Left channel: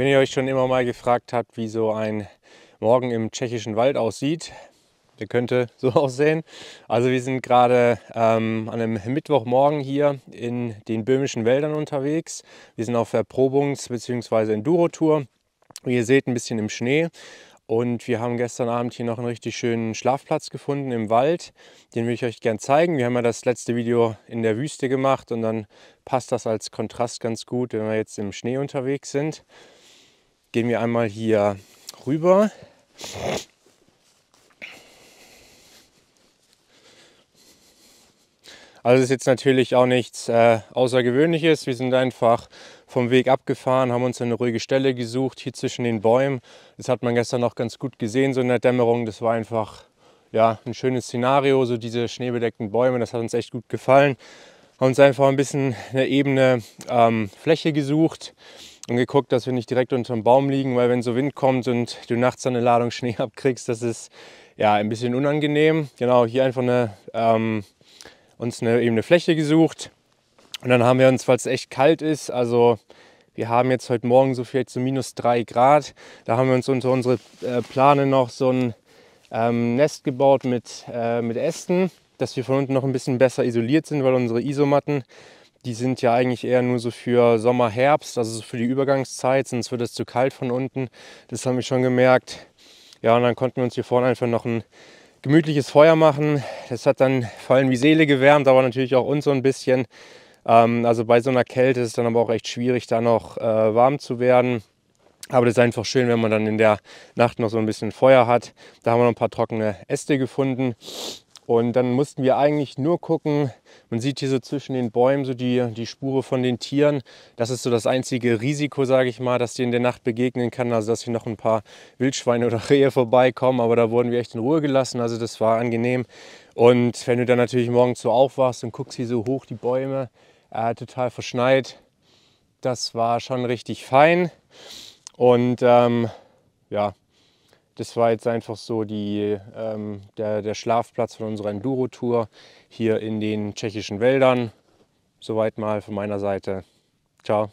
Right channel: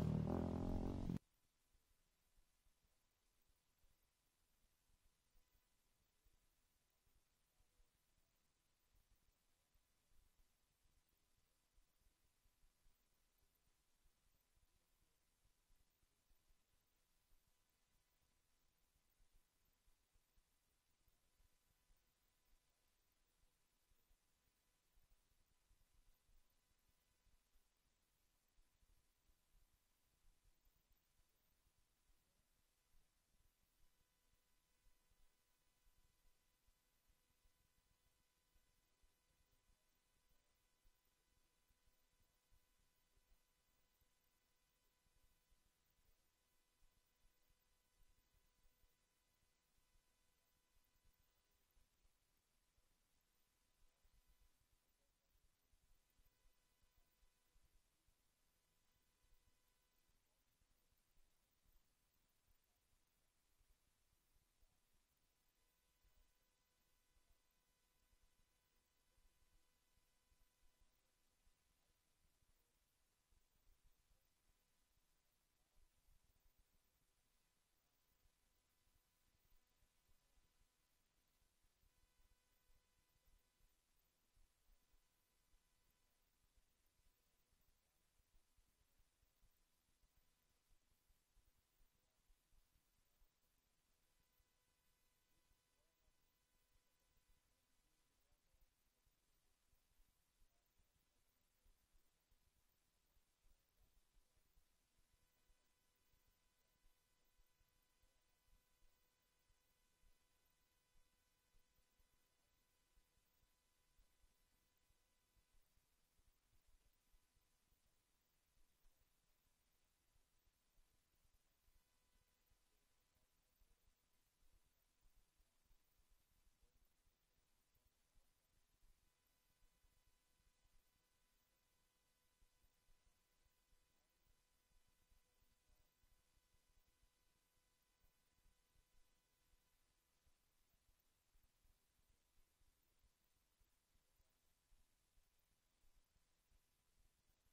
Wenn ihr euch schon immer mal gefragt habt, wie so ein Morgen im tschechischen Wald aussieht, der könnte so aussehen. Also wir sind gerade an einem Mittwochmorgen hier in den böhmischen Wäldern unterwegs. Wir sind auf Erprobungs- bzw. Enduro-Tour. Wie ihr seht, ein bisschen im Schnee. Und wir haben gestern Abend hier noch einen richtig schönen Schlafplatz gefunden im Wald. Den will ich euch gern zeigen. Wir haben ja das letzte Video in der Wüste gemacht und dann passt das als Kontrast ganz gut, wenn wir jetzt im Schnee unterwegs sind. Gehen wir einmal hier rüber. Also es ist jetzt natürlich auch nichts Außergewöhnliches. Wir sind einfach vom Weg abgefahren, haben uns eine ruhige Stelle gesucht, hier zwischen den Bäumen. Das hat man gestern noch ganz gut gesehen, so in der Dämmerung. Das war einfach ja, ein schönes Szenario, so diese schneebedeckten Bäume. Das hat uns echt gut gefallen. Haben uns einfach ein bisschen eine ebene Fläche gesucht und geguckt, dass wir nicht direkt unter dem Baum liegen, weil wenn so Wind kommt und du nachts eine Ladung Schnee abkriegst, das ist ja ein bisschen unangenehm. Genau, hier einfach uns eine ebene Fläche gesucht. Und dann haben wir uns, weil es echt kalt ist, also wir haben jetzt heute Morgen so vielleicht so -3 Grad, da haben wir uns unter unsere Plane noch so ein Nest gebaut mit Ästen, dass wir von unten noch ein bisschen besser isoliert sind, weil unsere Isomatten, die sind ja eigentlich eher nur so für Sommer, Herbst, also so für die Übergangszeit, sonst wird es zu kalt von unten. Das haben wir schon gemerkt. Ja, und dann konnten wir uns hier vorne einfach noch ein gemütliches Feuer machen. Das hat dann vor allem die Seele gewärmt, aber natürlich auch uns so ein bisschen. Also bei so einer Kälte ist es dann aber auch echt schwierig, da noch warm zu werden. Aber das ist einfach schön, wenn man dann in der Nacht noch so ein bisschen Feuer hat. Da haben wir noch ein paar trockene Äste gefunden. Und dann mussten wir eigentlich nur gucken, man sieht hier so zwischen den Bäumen so die Spure von den Tieren. Das ist so das einzige Risiko, sage ich mal, dass dir in der Nacht begegnen kann. Also dass hier noch ein paar Wildschweine oder Rehe vorbeikommen. Aber da wurden wir echt in Ruhe gelassen. Also das war angenehm. Und wenn du dann natürlich morgens so aufwachst und guckst hier so hoch die Bäume, total verschneit, das war schon richtig fein. Und ja, das war jetzt einfach so der Schlafplatz von unserer Enduro-Tour hier in den tschechischen Wäldern. Soweit mal von meiner Seite. Ciao.